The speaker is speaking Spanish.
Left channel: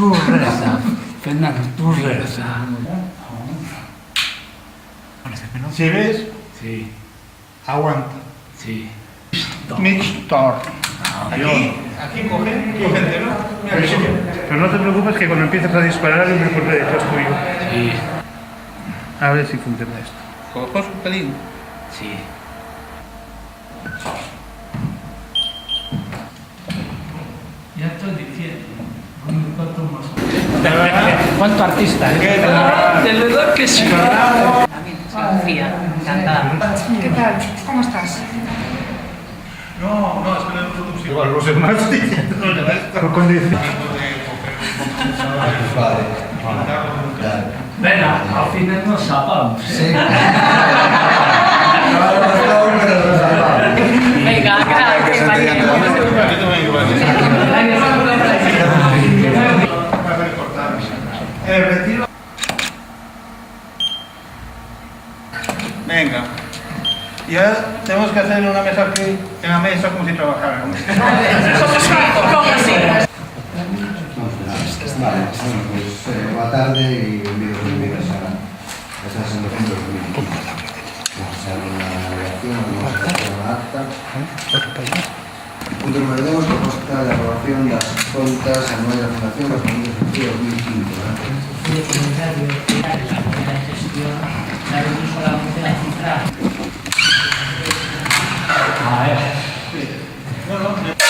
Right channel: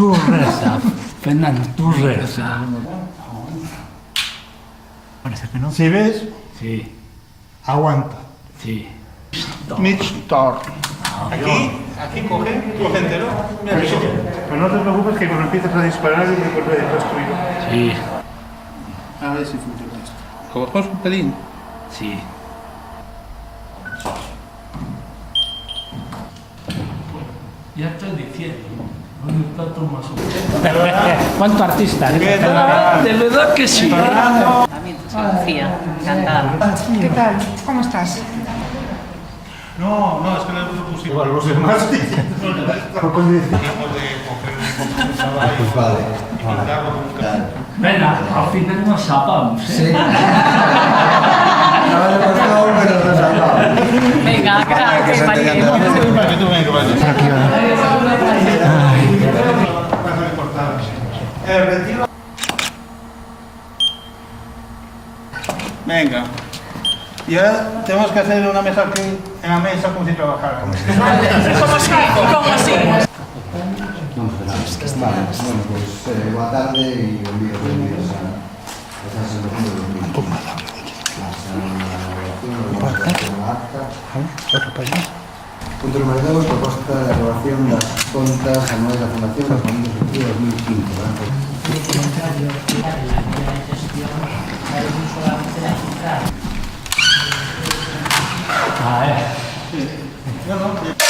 Tú reza, Fernando, tú reza. Parece que no. Si ves, Sí, aguanta. sí. Mixtor. Aquí coge entero. Mira, aquí coge. Pero no te preocupes que cuando empieces a disparar yo me corre detrás tuyo. Sí, A ver si funciona esto. Cogemos un pelín. sí. Ya estoy diciendo. ¿Cuánto artista? ¿Qué tal? De verdad que sí. Sofía, encantada. ¿Qué tal? ¿Cómo estás? No, es que no es tu sitio. Igual los demás sí. Con 10 de coger un chaval y pintarlo con un café. Venga, al final nos zapamos. Venga, gracias, María. Yo también que vale. Retiro. Venga. Y ahora tenemos que hacer una mesa aquí, en la mesa como si trabajáramos. ¿Cómo así? Vale, bueno, pues boa tarde e benvidos a esa sesión do domingo. Punto número 2, proposta de aprobación das contas anuais da Fundación das Familias de 2005. Ah, No,